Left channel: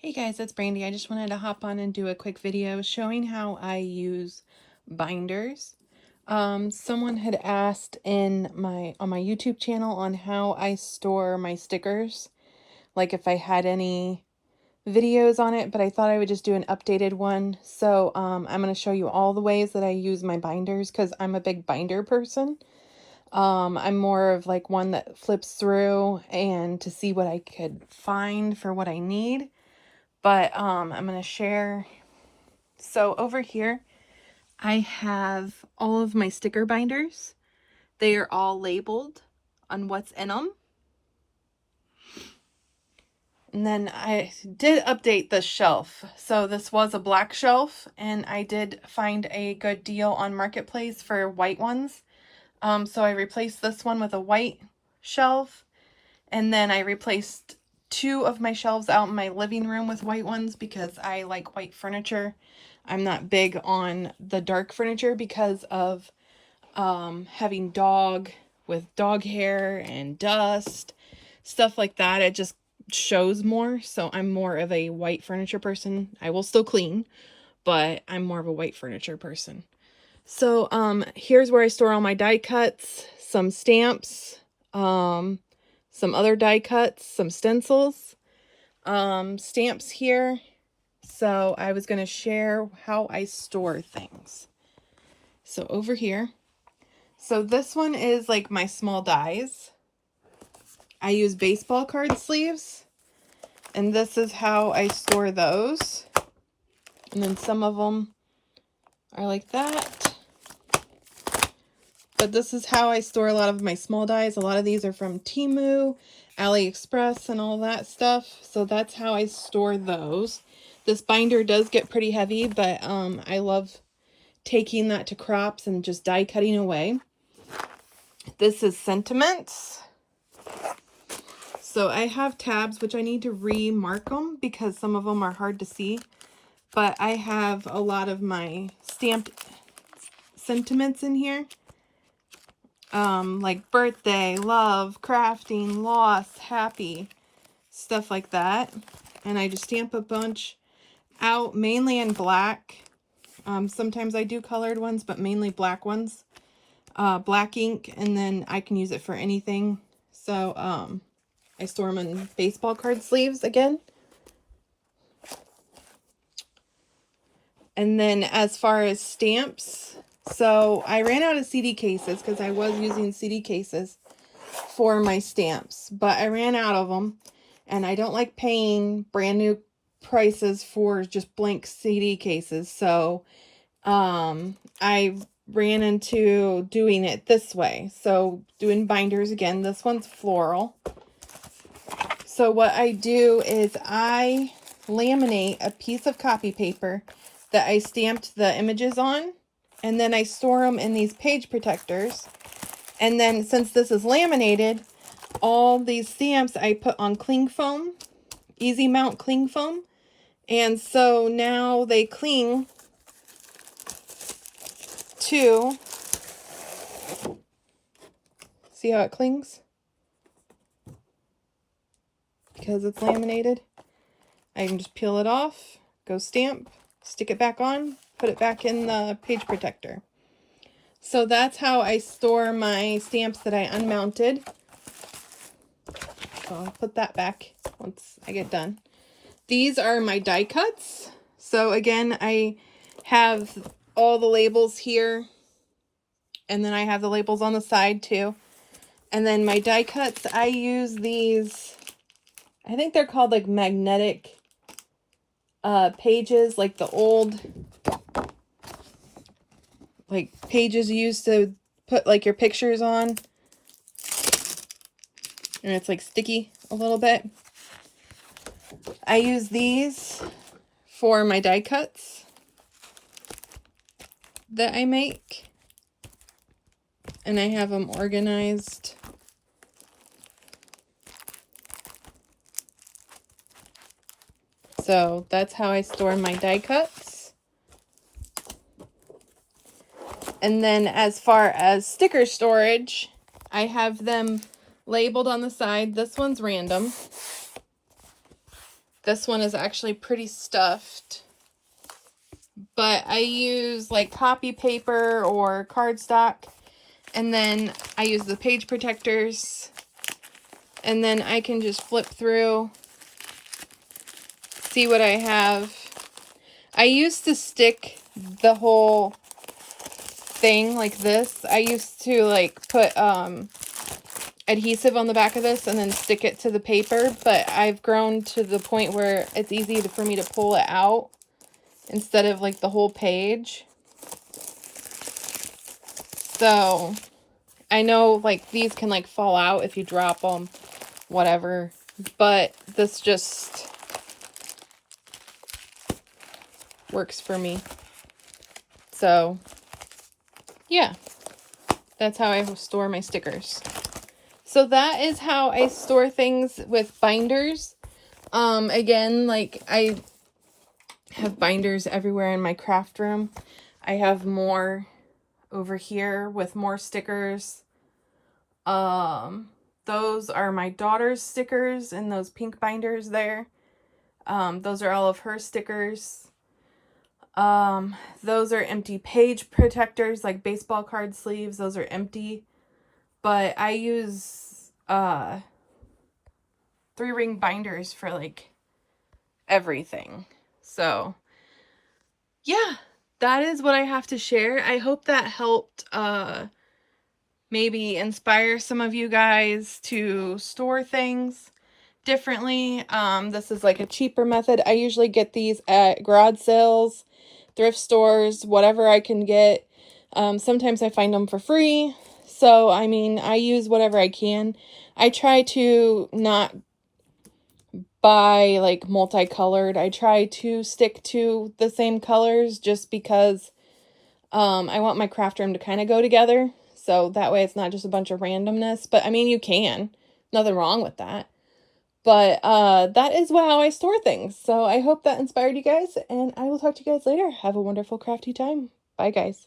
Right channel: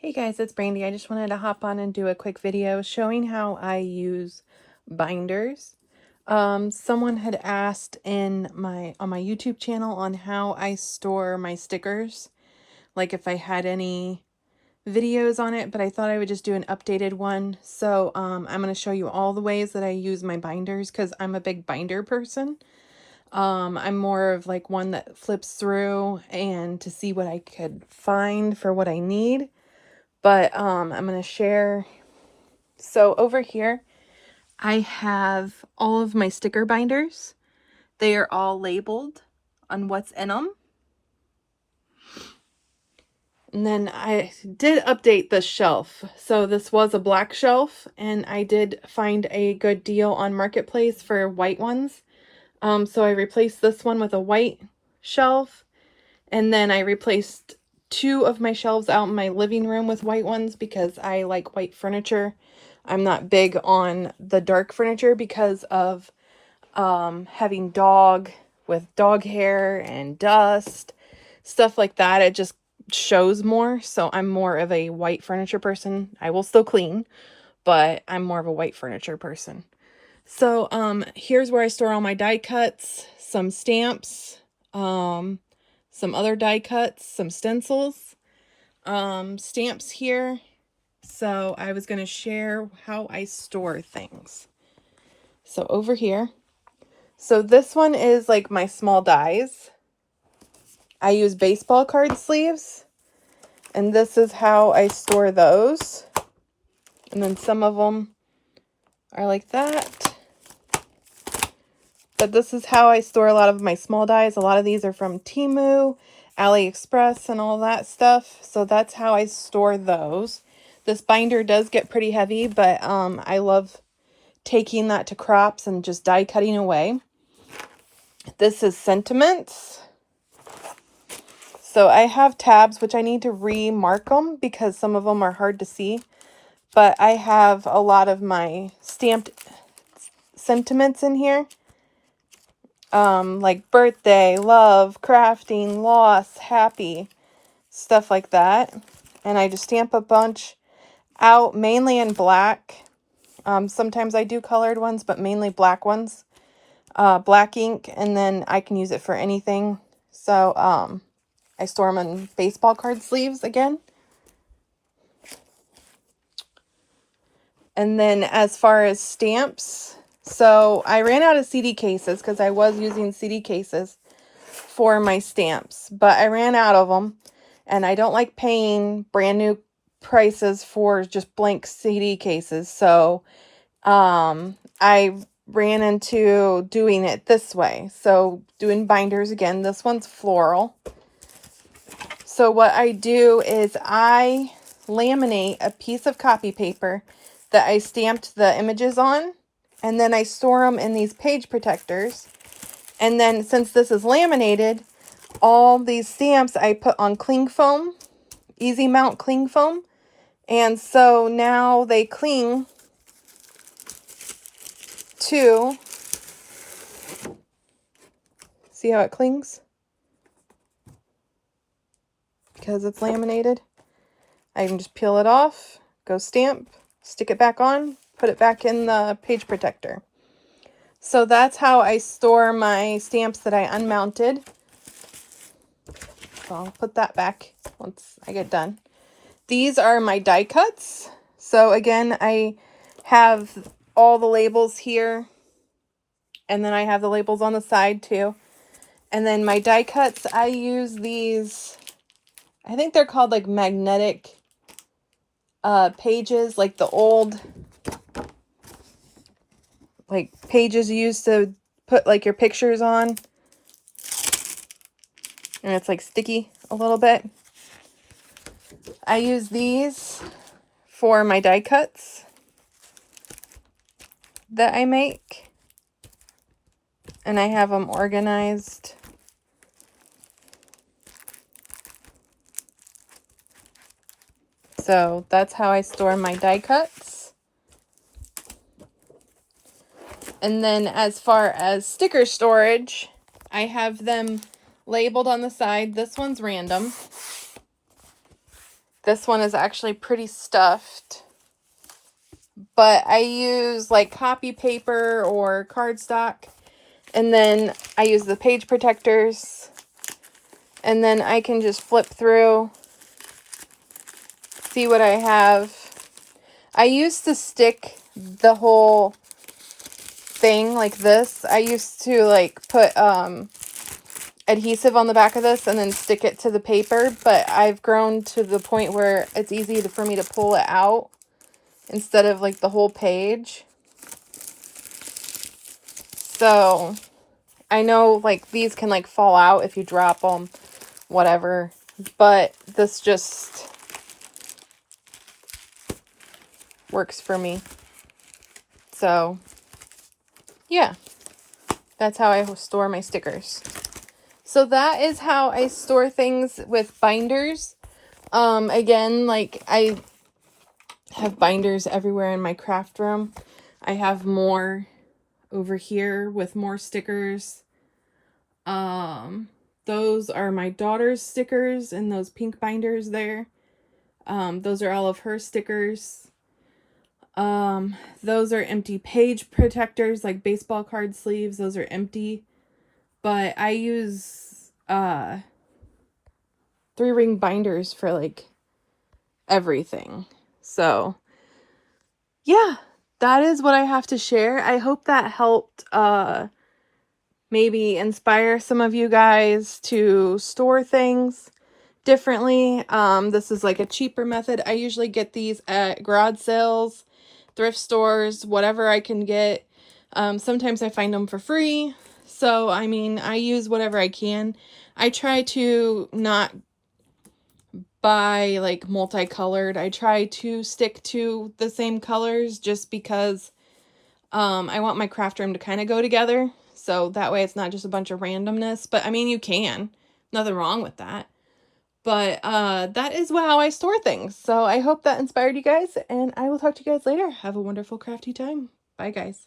Hey guys, it's Brandy. I just wanted to hop on and do a quick video showing how I use binders. Someone had asked on my YouTube channel on how I store my stickers, like if I had any videos on it, but I thought I would just do an updated one. So I'm going to show you all the ways that I use my binders because I'm a big binder person. I'm more of like one that flips through and to see what I could find for what I need. But I'm going to share. So over here, I have all of my sticker binders. They are all labeled on what's in them. And then I did update the shelf. So this was a black shelf, and I did find a good deal on Marketplace for white ones. So I replaced this one with a white shelf, and then I replaced two of my shelves out in my living room with white ones because I like white furniture. I'm not big on the dark furniture because of having dog with dog hair and dust, stuff like that. It just shows more. So I'm more of a white furniture person. I will still clean, but I'm more of a white furniture person. So here's where I store all my die cuts, some stamps, some other die cuts, some stencils, stamps here. So I was going to share how I store things. So over here, so this one is like my small dies. I use baseball card sleeves, and this is how I store those. And then some of them are like that. But this is how I store a lot of my small dies. A lot of these are from Temu, AliExpress, and all that stuff. So that's how I store those. This binder does get pretty heavy, but I love taking that to crops and just die cutting away. This is Sentiments. So I have tabs, which I need to remark them because some of them are hard to see. But I have a lot of my stamped sentiments in here. Like birthday, love, crafting, loss, happy, stuff like that. And I just stamp a bunch out, mainly in black. Sometimes I do colored ones, but mainly black ones. Black ink, and then I can use it for anything. So, I store them in baseball card sleeves again. And then as far as stamps, so I ran out of CD cases because I was using CD cases for my stamps, but I ran out of them, and I don't like paying brand new prices for just blank CD cases. So I ran into doing it this way. So doing binders again. This one's floral. So what I do is I laminate a piece of copy paper that I stamped the images on, and then I store them in these page protectors. And then since this is laminated, all these stamps I put on cling foam, easy mount cling foam. And so now they cling to, see how it clings? Because it's laminated. I can just peel it off, go stamp, stick it back on, put it back in the page protector. So that's how I store my stamps that I unmounted. So I'll put that back once I get done. These are my die cuts. So again, I have all the labels here, and then I have the labels on the side too. And then my die cuts, I use these, I think they're called like magnetic pages, like the old like pages you used to put like your pictures on, and it's like sticky a little bit. I use these for my die cuts that I make, and I have them organized. So that's how I store my die cuts. And then as far as sticker storage, I have them labeled on the side. This one's random. This one is actually pretty stuffed. But I use like copy paper or cardstock. And then I use the page protectors. And then I can just flip through, see what I have. I used to stick the whole thing like this. I used to like put adhesive on the back of this and then stick it to the paper, but I've grown to the point where it's easy for me to pull it out instead of like the whole page. So I know like these can like fall out if you drop them, whatever, but this just works for me. So yeah, that's how I store my stickers. So that is how I store things with binders. Again, like I have binders everywhere in my craft room. I have more over here with more stickers. Those are my daughter's stickers in those pink binders there. Those are all of her stickers. Those are empty page protectors, like baseball card sleeves. Those are empty. But I use 3-ring binders for like everything. So yeah, that is what I have to share. I hope that helped maybe inspire some of you guys to store things differently. This is like a cheaper method. I usually get these at garage sales, thrift stores, whatever I can get. Sometimes I find them for free. So, I mean, I use whatever I can. I try to not buy like multicolored. I try to stick to the same colors just because I want my craft room to kind of go together. So that way it's not just a bunch of randomness. But I mean, you can. Nothing wrong with that. But that is how I store things. So I hope that inspired you guys. And I will talk to you guys later. Have a wonderful crafty time. Bye, guys.